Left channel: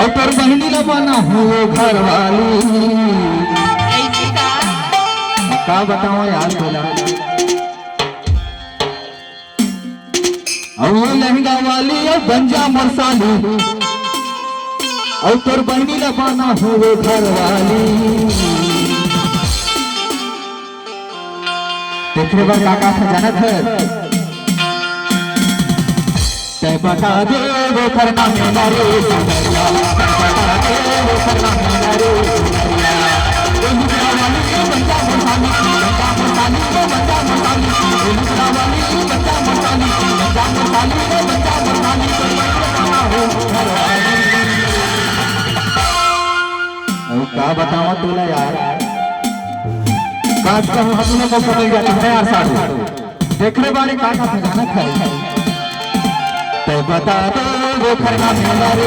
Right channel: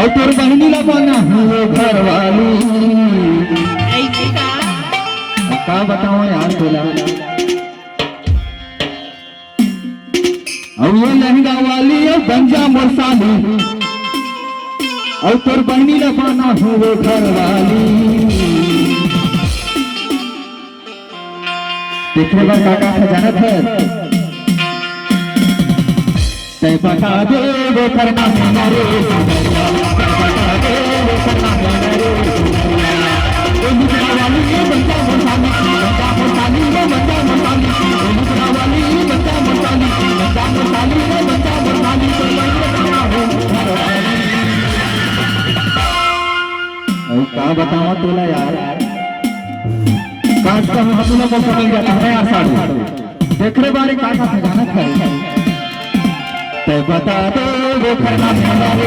और तेरी बहनी ला बना हुए घर वाली क्या बताओ यार बोला। और ये लहंगा वाली और गंजा मरसाली और तेरी बहनी ला बना हुए घर वाली। देखने पर काका खजानत है तय बता दे वो करना मेरा रे बता दे वो करना मेरा रे ये मुद्रा वाली बच्चा मसाली बच्चा मसाली रे बच्चा मसाली ये मुद्रा वाली बच्चा मसाली बच्चा मसाली रे बच्चा मसाली तो मैं क्या बताऊं तोला यार काश तो हम लोग को मिल जाता है यार सारे देखने वाले काका खजानत है तय बता दे वो करना मेरा रे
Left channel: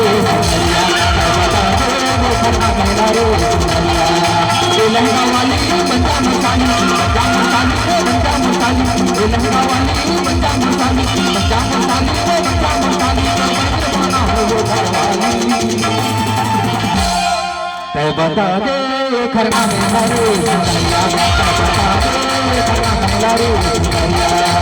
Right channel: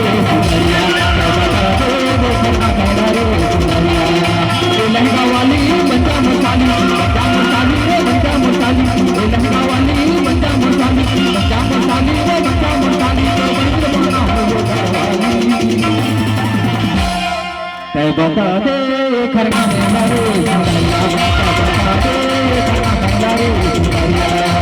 बता दे वो करना मेरा रे ये लहंगा वाली बच्चा मसाली बच्चा मसाली रे बच्चा मसाली ये लहंगा वाली बच्चा मसाली बच्चा मसाली रे बच्चा मसाली तय बता दे वो करना मेरा रे बता दे वो करना मेरा रे।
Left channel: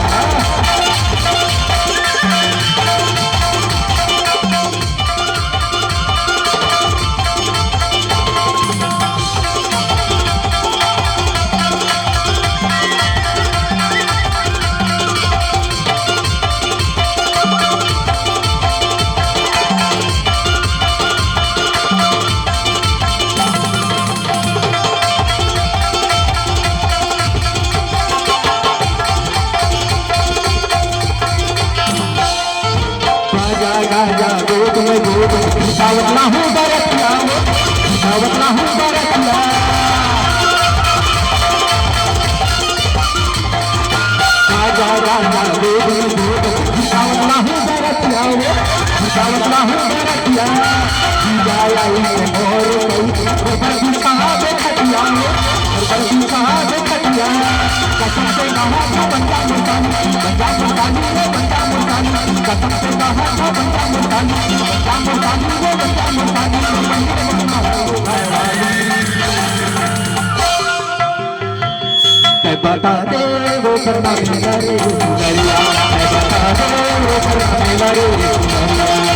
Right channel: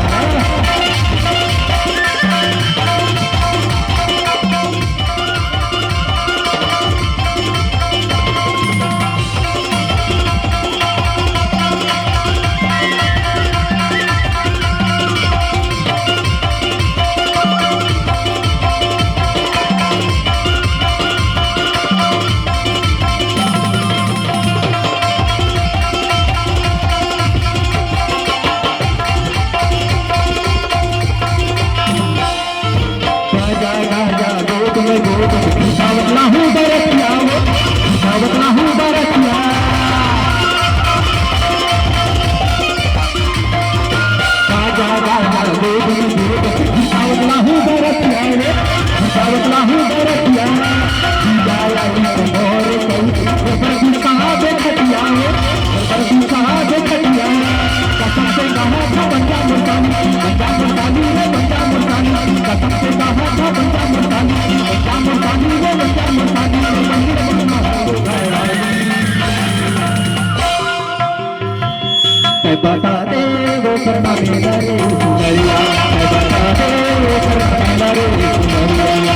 सावतला हूँ बरतिया सावतला हूँ बरतिया राजा राजा सावतला हूँ बरतिया सावतला हूँ बरतिया और बरदी कहाँ देखतिया बरदी कहाँ देखतिया कसम से कहा था बंदा मसाली बंदा मसाली बंदा मसाली कसम से कहा था बंदा मसाली बंदा मसाली बंदा मसाली बता दे वो करना मेरा रे सुंदरिया बता दे वो करना मेरा रे सुंदरिया।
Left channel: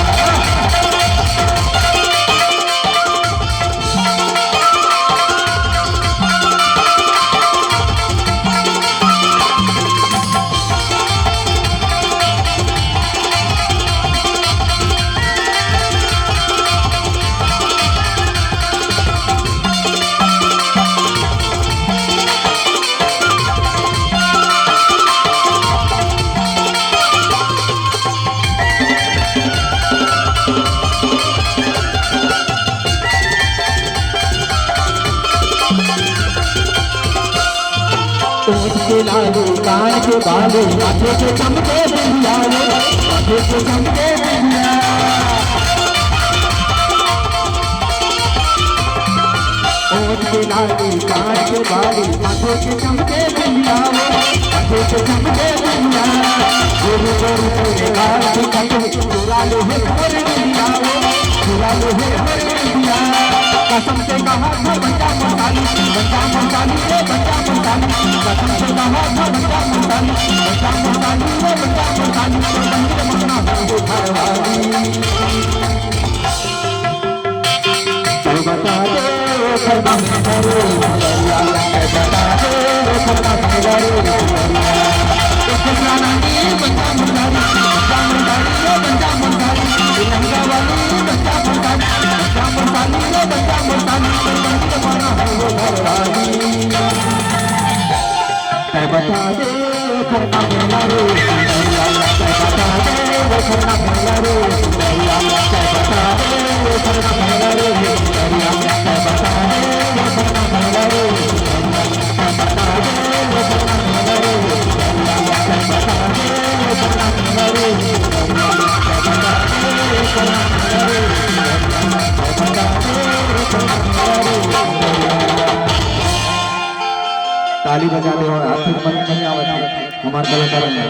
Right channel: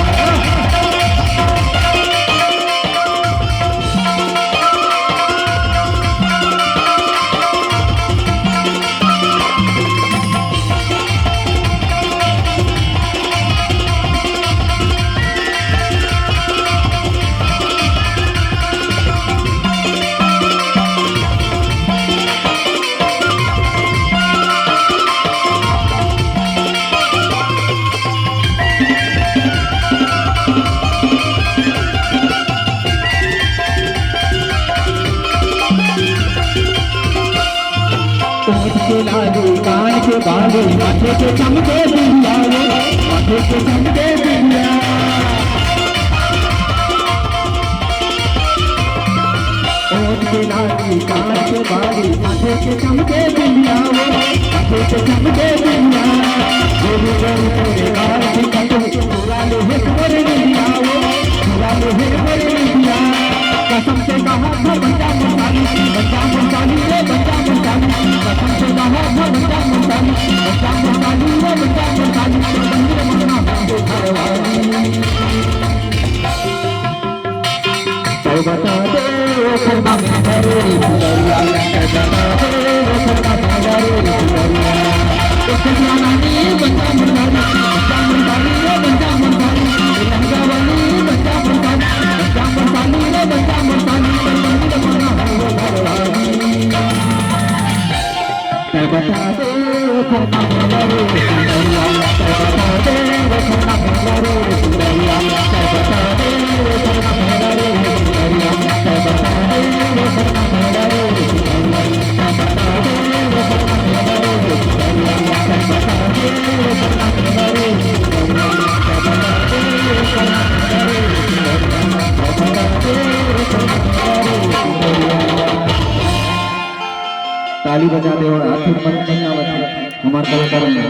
ओठ के लाले कान के बाले माथे के चमके बिंदिया रे माथे के चमके बिंदिया ओठ के लाले कान के बाले माथे के चमके बिंदिया रे माथे के चमके बिंदिया गोरे गोरे तेरे गाल के कपड़े चोला ले है गोरे बिंदिया रे चोला ले है गोरे बिंदिया कसम से कहा था बंदा मसाली बंदा मसाली बंदा मसाली कसम से कहा था बंदा मसाली बंदा मसाली बंदा मसाली बता दे वो करना मेरा रे बता दे वो करना मेरा रे बंदा मसाली बंदा मसाली बंदा मसाली लहंगा वाली बंदा मसाली बंदा मसाली बंदा मसाली बता दे करना मेरा रे बता दे वो करना मेरा रे बता दे वो करना मेरा रे बता दे वो करना मेरा रे बता दे वो करना मेरा रे बता दे वो करना मेरा रे बता दे वो करना मेरा रे। ताली बजा दे और आखिर मन नहीं आवत हमारे कलाकार